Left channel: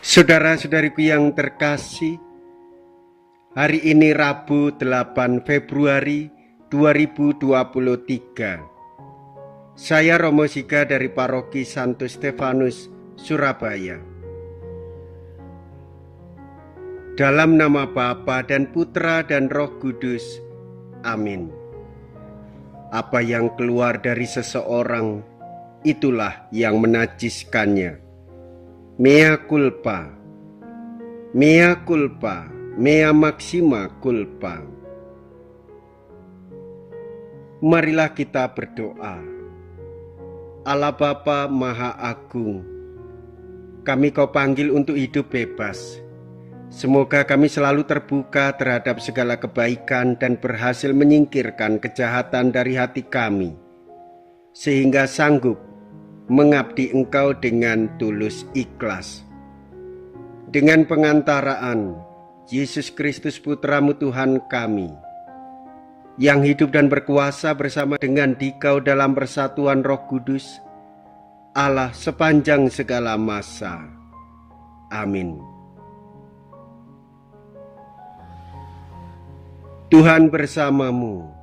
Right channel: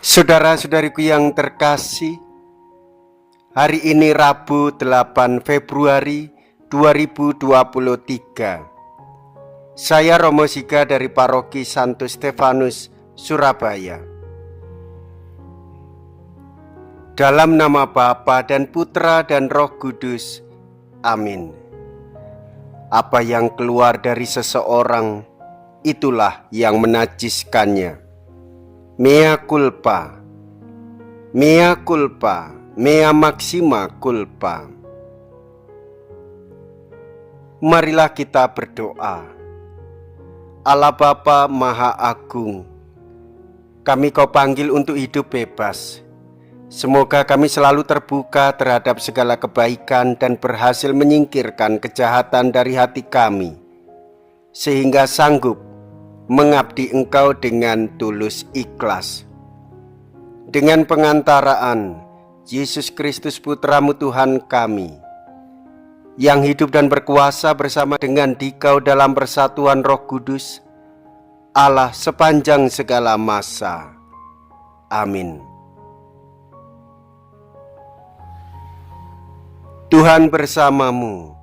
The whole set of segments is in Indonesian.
Saudara-saudariku yang terkasih, hari ini Rabu 8 Februari 2023. Saya Romo Siga dari Paroki Santo Stefanus, Surabaya. Dalam nama Bapa dan Putra dan Roh Kudus. Amin. Apa yang keluar dari seseorang, itulah yang menajiskannya. Mea culpa, mea culpa, mea maxima culpa. Marilah kita berdoa. Allah Bapa Maha Agung, kami Kau panggil untuk hidup bebas. Semoga kami selalu terbuka terhadap segala kebaikan dan berhasil menyingkirkan kejahatan dari hati kami, sehingga sanggup mengabdi Engkau dengan tulus ikhlas. Dengan pengantaraan Yesus Kristus Putra-Mu Tuhan kami, yang hidup dan berkuasa bersama dengan Dikau dalam persatuan Roh Kudus, Allah sepanjang segala masa. Amin. Tuhan bersamamu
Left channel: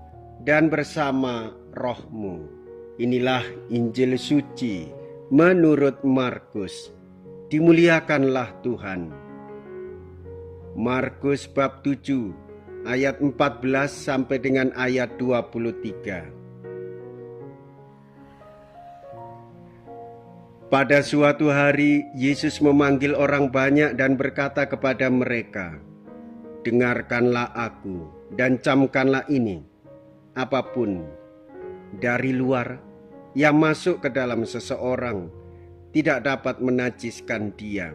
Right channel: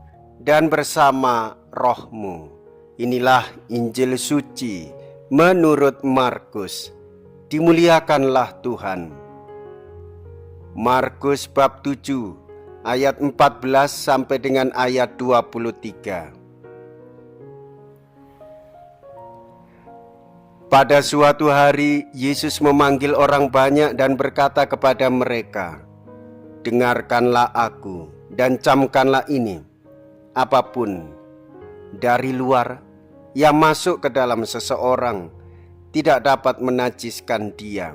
dan bersama rohmu. Inilah Injil suci menurut Markus. Dimuliakanlah Tuhan. Markus bab 7 ayat 14 sampai dengan ayat 23. Pada suatu hari Yesus memanggil orang banyak dan berkata kepada mereka, "Dengarkanlah aku dan camkanlah ini. Apapun dari luar yang masuk ke dalam seseorang tidak dapat menajiskan dia,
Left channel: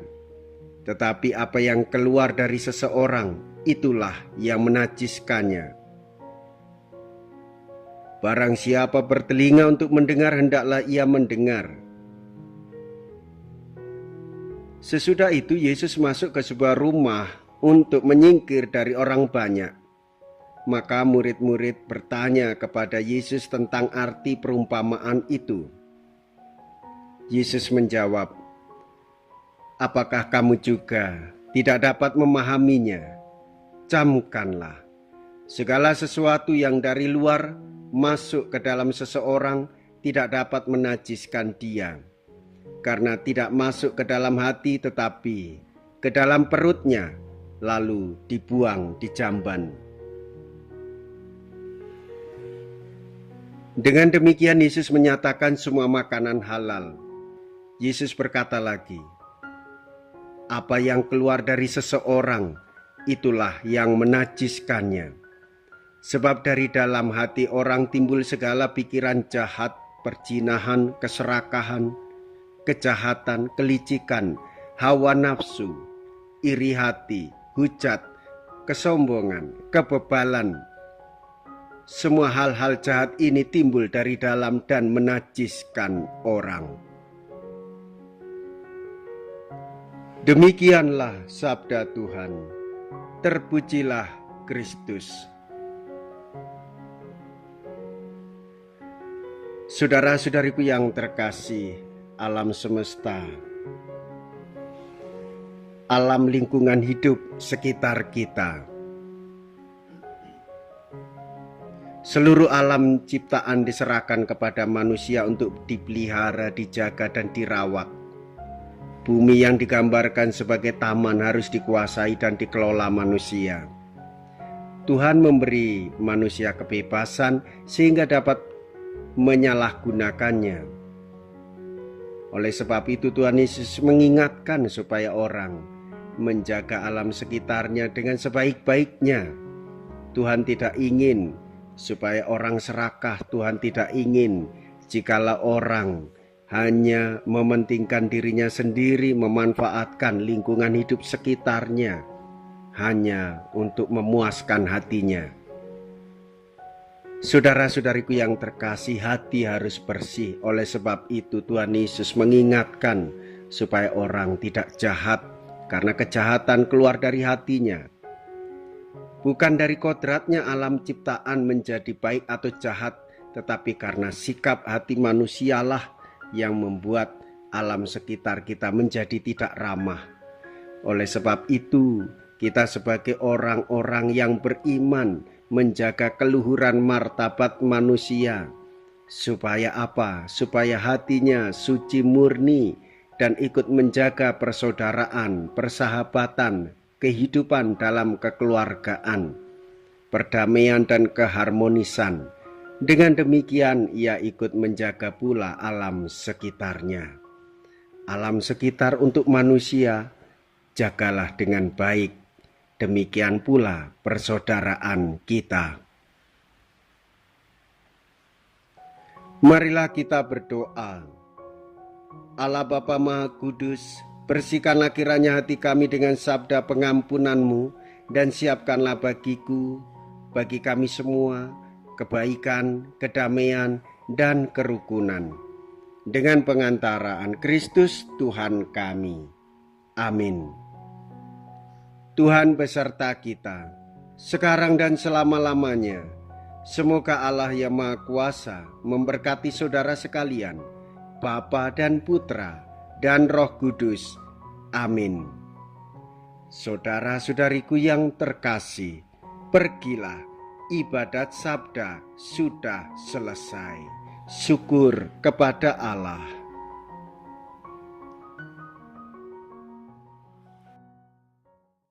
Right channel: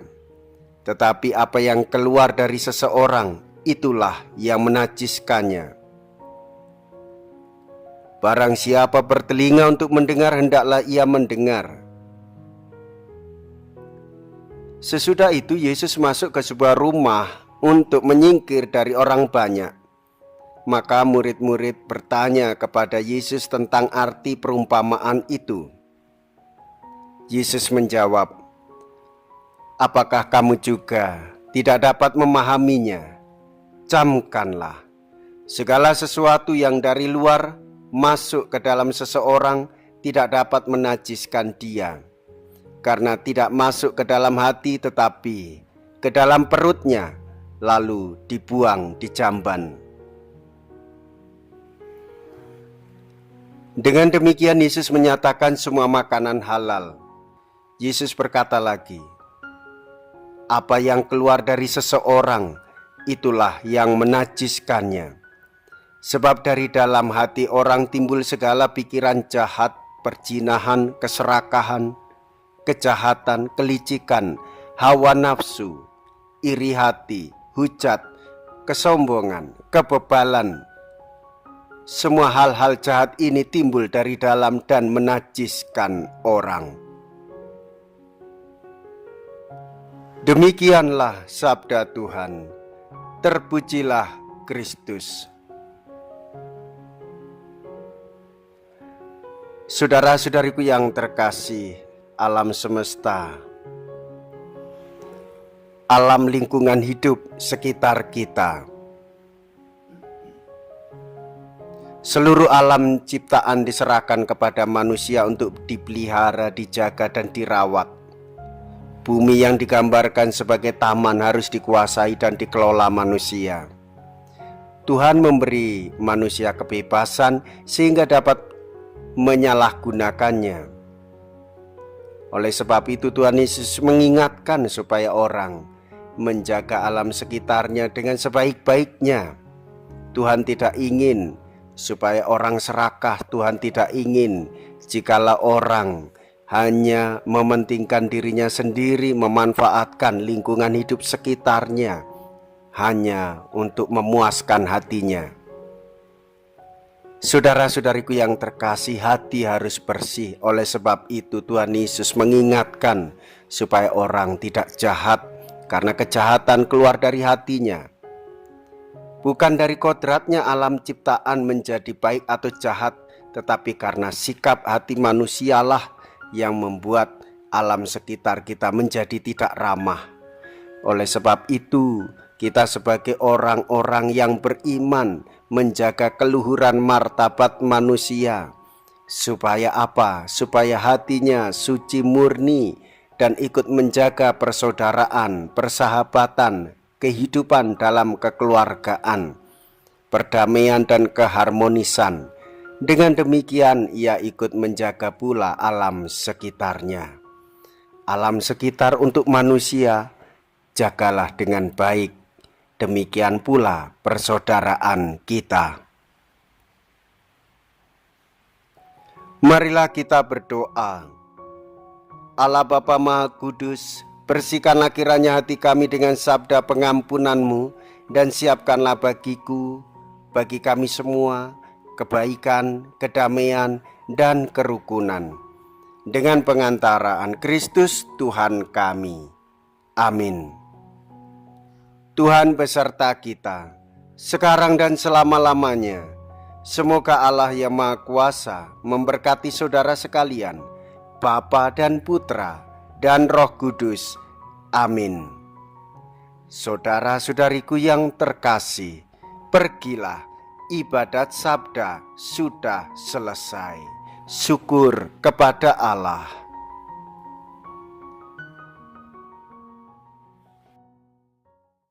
tetapi apa yang keluar dari seseorang, itulah yang menajiskannya. Barang siapa bertelinga untuk mendengar, hendaklah ia mendengar." Sesudah itu Yesus masuk ke sebuah rumah untuk menyingkir dari orang banyak. Maka murid-murid bertanya kepada Yesus tentang arti perumpamaan itu. Yesus menjawab, "Apakah kamu juga tidak dapat memahaminya? Camkanlah, segala sesuatu yang dari luar masuk ke dalam seseorang tidak dapat menajiskan dia, karena tidak masuk ke dalam hati tetapi ke dalam perutnya, lalu dibuang di jamban." Dengan demikian Yesus menyatakan semua makanan halal. Yesus berkata lagi, "Apa yang keluar dari seseorang, itulah yang menajiskannya. Sebab dari dalam hati orang timbul segala pikiran jahat, perzinahan, keserakahan, kejahatan, kelicikan, hawa nafsu, iri hati, hujat, kesombongan, kebebalan. Semua hal-hal jahat ini timbul dari dalam dan menajiskan orang." Demikianlah sabda Tuhan. Terpujilah Kristus. Saudara-saudariku yang terkasih, alam semesta, alam lingkungan hidup sekitar kita, seluruh alam ciptaan diserahkan kepada manusia untuk dipelihara, dijaga, dan dirawat. Bumi yang digambarkan sebagai taman harus dikuasai dan dikelola manusia. Tuhan memberi manusia kebebasan sehingga dapat menyalahgunakannya. Oleh sebab itu Tuhan Yesus mengingatkan supaya orang menjaga alam sekitarnya dengan sebaik-baiknya. Tuhan tidak ingin supaya orang serakah. Tuhan tidak ingin jikalau orang hanya mementingkan dirinya sendiri, memanfaatkan lingkungan hidup sekitarnya hanya untuk memuaskan hatinya. Saudara-saudariku yang terkasih, hati harus bersih. Oleh sebab itu Tuhan Yesus mengingatkan supaya orang tidak jahat, karena kejahatan keluar dari hatinya. Bukan dari kodratnya alam ciptaan menjadi baik atau jahat, tetapi karena sikap hati manusialah yang membuat alam sekitar kita menjadi tidak ramah. Oleh sebab itu, kita sebagai orang-orang yang beriman menjaga keluhuran martabat manusia. Supaya apa? Supaya hatinya suci murni dan ikut menjaga persaudaraan, persahabatan, kehidupan dalam kekeluargaan, perdamaian dan keharmonisan. Dengan demikian ia ikut menjaga pula alam sekitarnya. Alam sekitar untuk manusia jagalah dengan baik. Demikian pula persaudaraan kita. Marilah kita berdoa. Allah Bapa Maha Kudus, bersihkanlah kiranya hati kami dengan sabda pengampunan-Mu, dan siapkanlah bagiku, bagi kami semua, kebaikan, kedamaian, dan kerukunan. Dengan pengantaraan Kristus Tuhan kami. Amin. Tuhan beserta kita, sekarang dan selama-lamanya. Semoga Allah yang Maha Kuasa memberkati saudara sekalian, Bapa dan Putra dan Roh Kudus. Amin. Saudara-saudariku yang terkasih, pergilah, ibadat sabda sudah selesai. Syukur kepada Allah.